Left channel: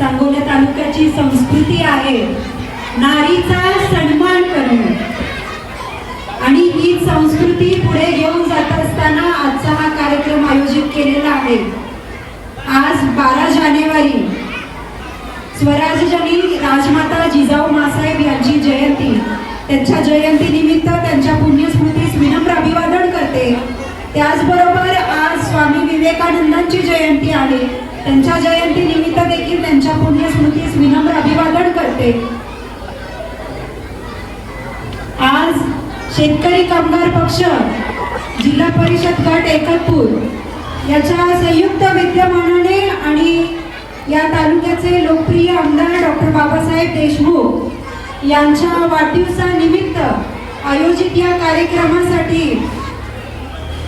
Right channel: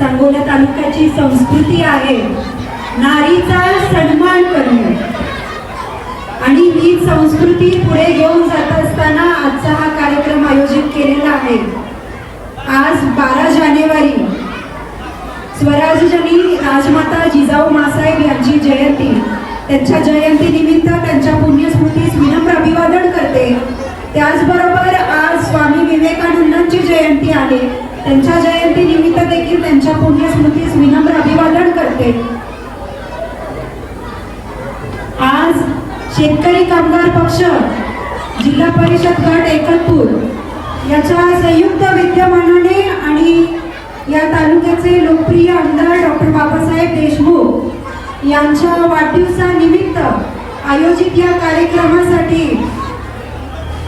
सांगोला तालुक्याची संस्कृती आहे नारीचा सन्मान करणे, आणि ही संस्कृती पुढे घेऊन जात असताना आजचा हा कार्यक्रम आयोजित केलेला आहे। आज 12 जानेवारी स्वराज्यजनी राजमाता जिजाऊ मासाहेब यांची जयंती, त्यांच्या जयंतीनिमित्त त्यांच्या पुण्यस्मृतीस विनम्र अभिवादन करते। त्याचबरोबर आज स्वामी विवेकानंदांची जयंती आहे, त्यांच्या जयंतीनिमित्त देखील त्यांच्या पुण्यस्मृतीस विनम्र अभिवादन करते। आज शेतकरी कामगार पक्ष जिल्हा परिषद गट एकतपूर याच्या संयुक्त विद्यमानाने आणि या तालुक्याचे लोकप्रिय आमदार डॉक्टर बाबासाहेब देशमुख यांच्या वाढदिवसानिमित्त आयोजित या कार्यक्रमासाठी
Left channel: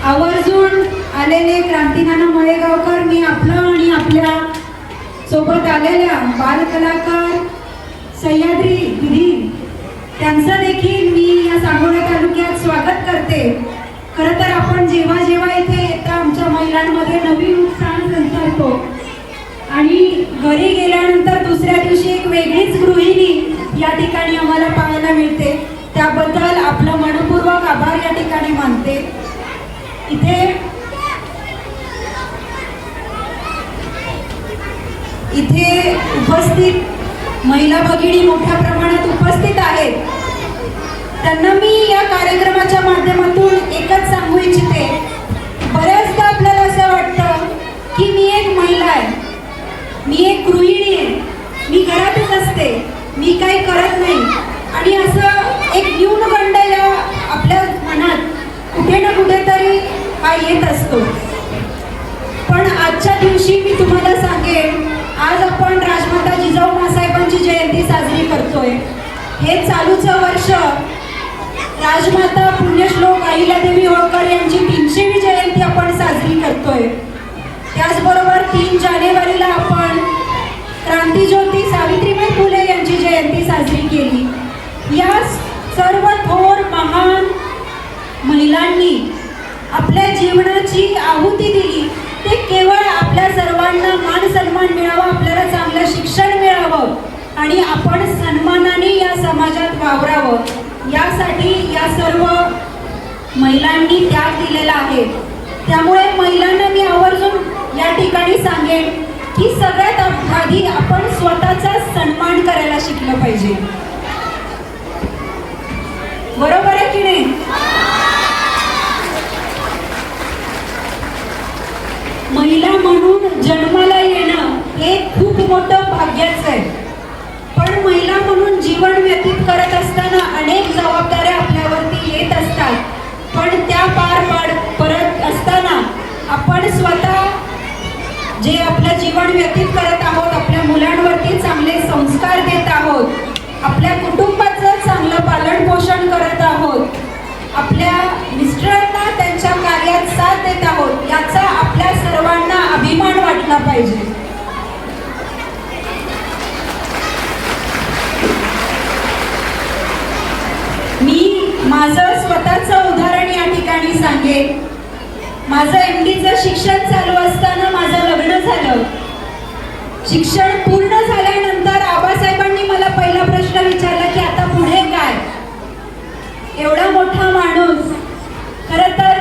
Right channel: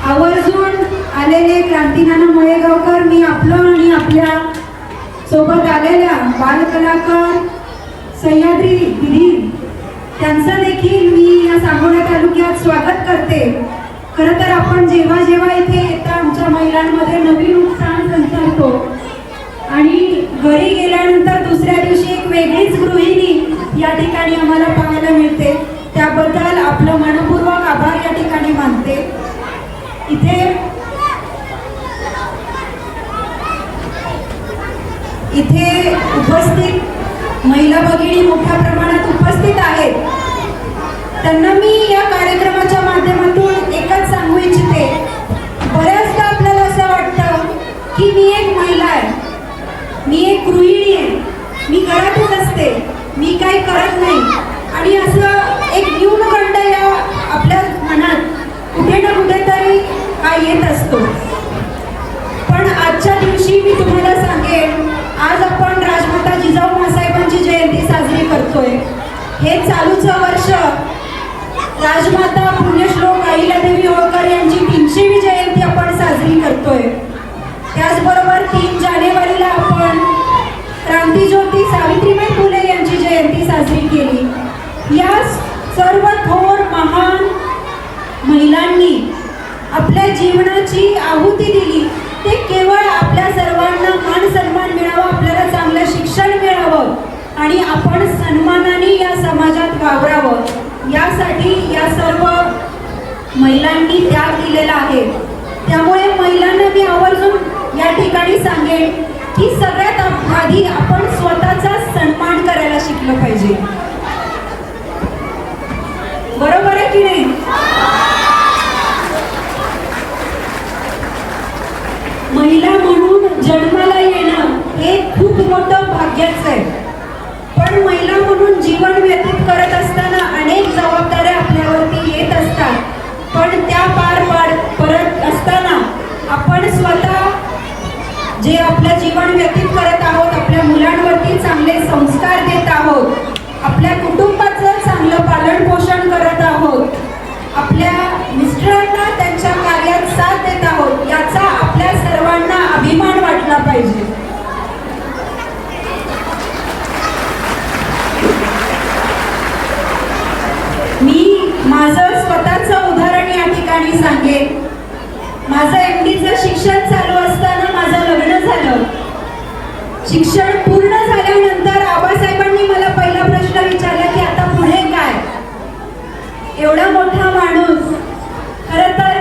आवर्जून आलेले क्रांतीनाना मळेगावकर, मी आपलं आणि आपल्या सोबत आलेल्या बालकलाकार सह्याद्री दिदी त्यांचं देखील मी या सांगोला तालुक्यात स्वागत करते। खरं तर आपण जेव्हा जेव्हा इथे येता आमच्या महिलांमध्ये नवीन उत्साह संचारतो आणि घरी गेल्यानंतर दुसऱ्या दिवशी एक वेगळीच गृहिणी या ठिकाणी आम्हाला पाहायला मिळते, त्याबद्दल आपलं मनपूर्वक आभार या ठिकाणी मानते। इथे उपस्थित महिला भगिनी मोठ्या प्रमाणात उपस्थित आहेत, त्यांना मी या कार्यक्रमाच्या माध्यमातून एकच सांगू इच्छिते। बऱ्याचदा आपल्याला असं वाटतं की मी एक महिला आहे, मी एक गृहिणी आहे, मी घरातच असते, मी काही करत नाही, आणि असं एक न्यूनगंड या आपल्या मनात कुठे ना कुठेतरी हा येत असतो। पण आजच्या दिवशी मी तुम्हाला सांगेन, आज आपण राजमाता जिजाऊ मासाहेबांची जयंती साजरी करतोय। हे चालूचं वर्ष राजमाता पुण्यश्लोक अहिल्यादेवी होळकर यांची 300वी जयंती आपण साजरी करतोय। त्याचबरोबर 3 जानेवारीला आपण क्रांतीज्योती सावित्रीबाई फुले यांची जयंती साजरी केली। या सर्व थोर महान महिलांनी आपल्या जीवनाची आहुती दिली, ते केवळ आपल्या सर्वांना मान सन्मान मिळावा, आपल्याला चांगलं शिक्षण मिळावं आणि आपण सन्मानाने या समाजात वावरावं, यासाठी या सर्व महिलांनी त्याग दिलेला आहे। त्यामुळे महिलांना मी आवर्जून या ठिकाणी सांगेन की सगळ्यात आधी आपण स्वतःचा सन्मान करायला शिकलं पाहिजे, बरोबर आहे की नाही? महिला म्हणून जन्माला येणं हे खूप मोठं भाग्याचं आहे, पण महिला म्हणून जीवन व्यतीत करत असताना अनेक जबाबदाऱ्या आपल्यावरती येत असतात, पण त्या पार पडत असताना आपण स्वतः जे आपलं जीवन व्यतीत करत आहोत, आपल्या मुलांवरती चांगले संस्कार देत आहोत, आपल्या कुटुंबाचं चांगलं पालन पोषण करत आहोत, आपल्या मिस्टरांना त्यांच्या कार्यात साथ देत आहोत, याचा आपल्या सर्वांना अभिमान वाटला पाहिजे। मी माझं स्वतःचं उदाहरण या ठिकाणी सांगेन। माझं MDचं शिक्षण चालू असताना माझं लग्न झालं। शिक्षण पूर्ण झाल्यानंतर आबासाहेबांनी मला पहिला प्रश्न विचारला की आता पुढे काय? एवढा मोठा माणूस, खरं तर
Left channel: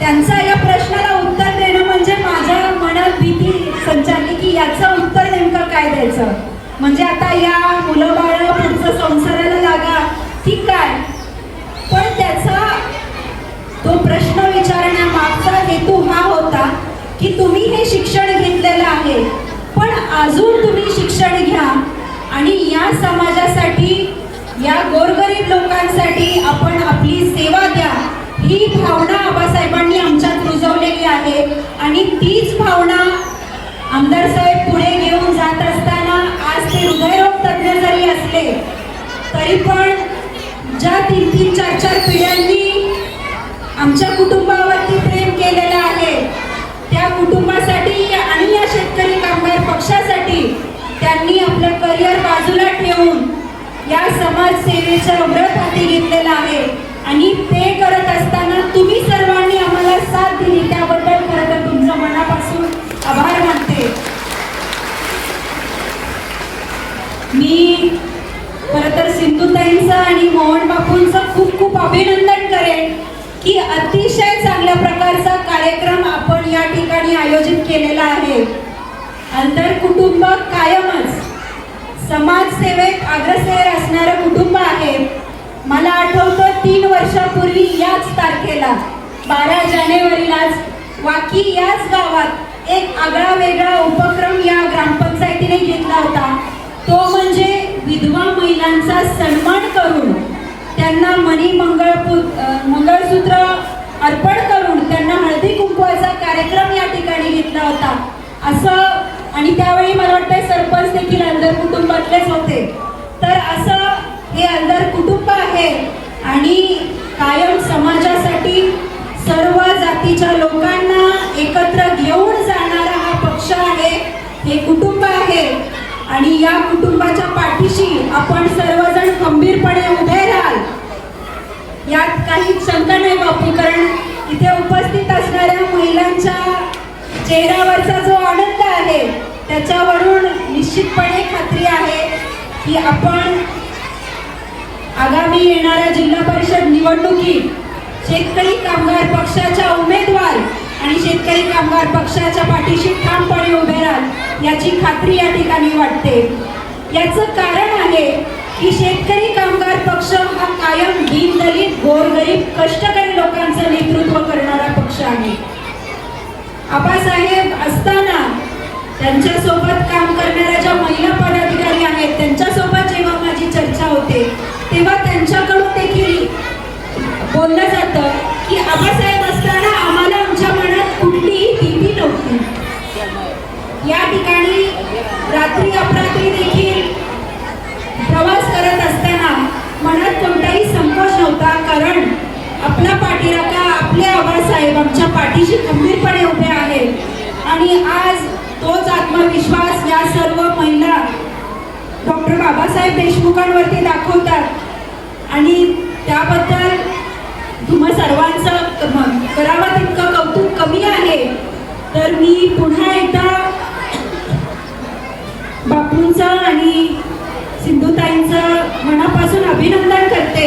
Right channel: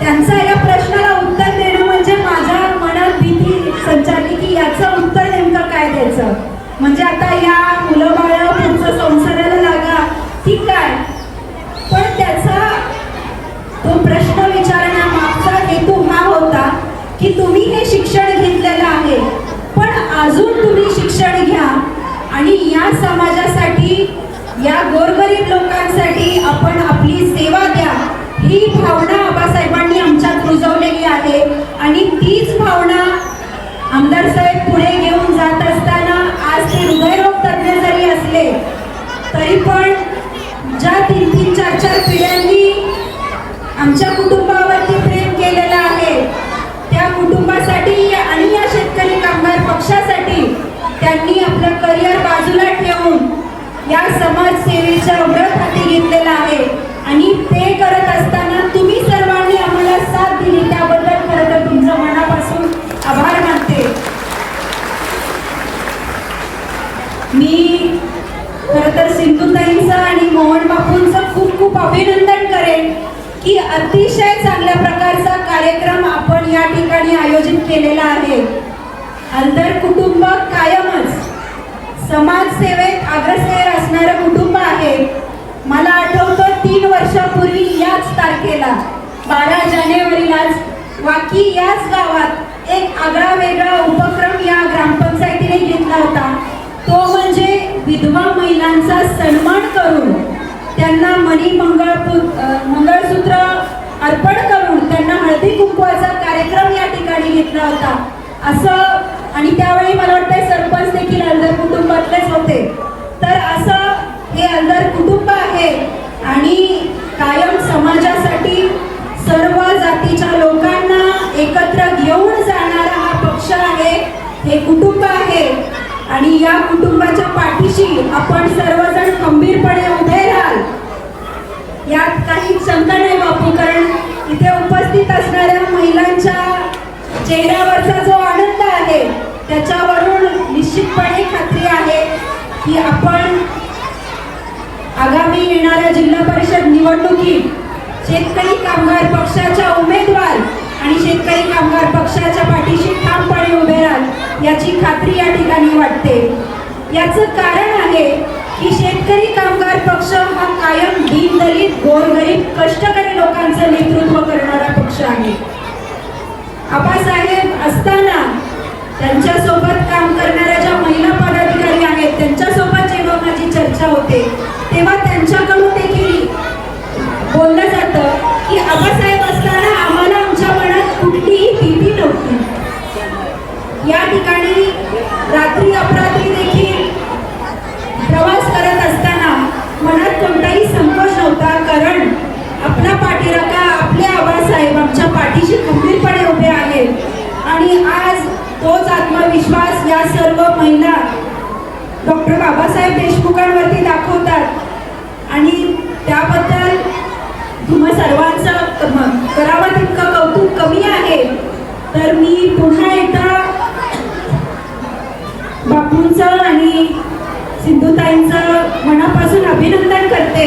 त्यांचा या प्रश्नाला उत्तर देणं म्हणजे माझ्या मनात भीती संचारली की याचं उत्तर नेमकं काय द्यायचं, म्हणजे आता या मुलं बाळ पुढचं संसाराला लागा की काय? पण त्याचा तो प्रश्न विचारण्यामागचा हेतू हा होता की तुम्ही हे शिक्षण घेतलेलं आहे, पण अजून तुम्ही शिक्षण घ्या आणि या समाजासाठी, या गोरगरीब लोकांसाठी आपण आपली सेवा द्या, ही भावना आबासाहेबांनी आमच्यात रुजवलेली आहे। आणि तीच भावना आमदार साहेब पुढे घेऊन जात असताना आज ते हृदयरोग तज्ञ जरी असले तरी पण ज्या 3-3, 4-4 पिढ्यांनी आमच्या कुटुंबावरती प्रेम केलेलं आहे, त्या कुटुंबासाठी आणि या शेतकरी कामगार पक्षासाठी त्यांनी आपलं करिअर बाजूला ठेवून या समाजसेवेचा व्रत हाती घेतलेला आहे। आणि ते करत असताना तुम्ही सर्वांनी आम्हाला साथ दिली, त्याबद्दल खरं तर तुमचं मनापासून आभार मानते। मी खरं तर सिंधुताईंचं आणि मोहन बापूंचं खूप खूप अभिनंदन करेन की अतिशय चांगल्या प्रकारचा कार्यक्रम आपण या ठिकाणी आयोजित केलेला आहे. आंतर कुटुंब कायमच समाजसेवेत अग्रेसर असणारं कुटुंब आहे. मला आठवतं 3 वर्षापूर्वी याच तारखेला 12 जानेवारीलाच वाकी याच गावात एक आगळा वेगळा उपक्रम या ग्रामपंचायतीने घेतला होता. तो म्हणजे विधवा महिलांचा सन्मान करून त्यांना मंगळसूत्र अर्पण करून त्यांना हळदी कुंकवाचा कार्यक्रम या ठिकाणी घेतला होता. असं आणि त्यावेळी मला वाटतं सरपंच देखील अंधर कुटुंबातलेच होते. तर असं हे अंधर कुटुंब आहे आणि कायम समाजासाठी सर्व जातीच्या लोकांना एकत्र घेऊन जाणारा हा पक्ष आहे, हे कुटुंब आहे. आणि या कुटुंबाच्या पाठीशी आपण सर्वजण खंबीरपणे उभे राहाल यात काही शंका नाही बापू, कारण इथे उपस्थित असणाऱ्या महिलांच्या चेहऱ्यावरचा जो आनंद आहे त्याच्यावरून निश्चितपणे खात्री आहे की आपण आगामी येणाऱ्या जिल्हा परिषद निवडणुकीत शेतकरी कामगार पक्षाच्या उमेदवार आणि शेतकरी कामगार पक्षाच्या पाठीशी ठामपणे उभे राहाल याची खात्री या ठिकाणी वाटते. याचं कारण आहे की शेतकरी कामगार पक्ष हा कायम दीनदलित गोरगरीब कष्टकरी लोकांचं नेतृत्व करणारा पक्ष आहे. आबासाहेब असताना त्यांच्यासोबत काम करणाऱ्या ज्या महिला पदाधिकारी आहेत त्यांच्यासोबत जेव्हा माझी चर्चा होते तेव्हा त्यांच्याकडून देखील बोललं जातं की आबासाहेब असताना आम्हाला आमच्या मनात कुठलीही भीती नव्हती. या ठिकाणी रात्री अपरात्री देखील प्रवास करत असताना मनात कोणताही संकोच नव्हता, कारण आपला पाठीराखा आपले आबासाहेब आमच्या पाठीशी खंबीरपणे उभे आहेत. आणि आज तोच आत्मविश्वास या सर्व महिला डॉक्टर बाबासाहेब देशमुखांवरती दाखवतात आणि त्याबद्दल तुम्हा सर्वांचं करावं तितकं कौतुक कमी आहे. तर मी पुन्हा एकदा बापूंचं आणि सिंधुताईंचं मनापासून अभिनंदन करते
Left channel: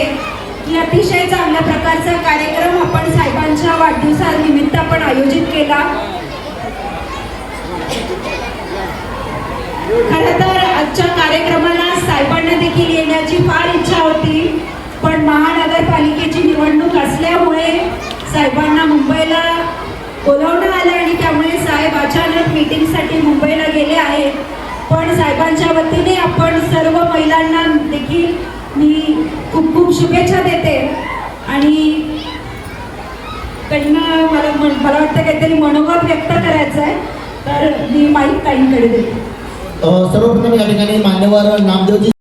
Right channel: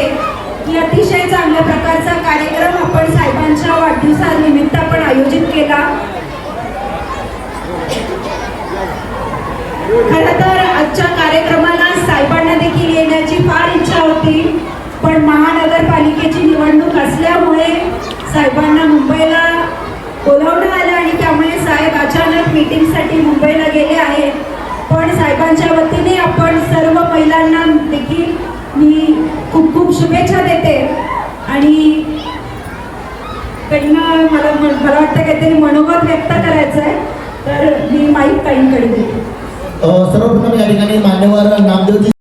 की अतिशय चांगल्या प्रकारचा कार्यक्रम आपण साहेबांच्या वाढदिवसानिमित्त आपण आयोजित केला. खरं तर आजच्या कार्यक्रमाला साहेबांना देखील येण्याची फार इच्छा होती, पण महानगरपालिकेची निवडणूक असल्यामुळे साहेबांना मुंबईला बोलावण्यात आलं आणि त्यामुळे साहेब अचानक मीटिंगसाठी मुंबईला गेले आहेत. पण साहेबांच्या वतीने आपण सर्व महिलांना देखील मी खूप खूप शुभेच्छा देते. आणि त्यांना मला वाटतं काहीतरी मनोगत व्यक्त करायचं आहे, तर मी माईक ताईंकडे देते. सर्वप्रथम या ठिकाणी मान्यवर नामदेवजी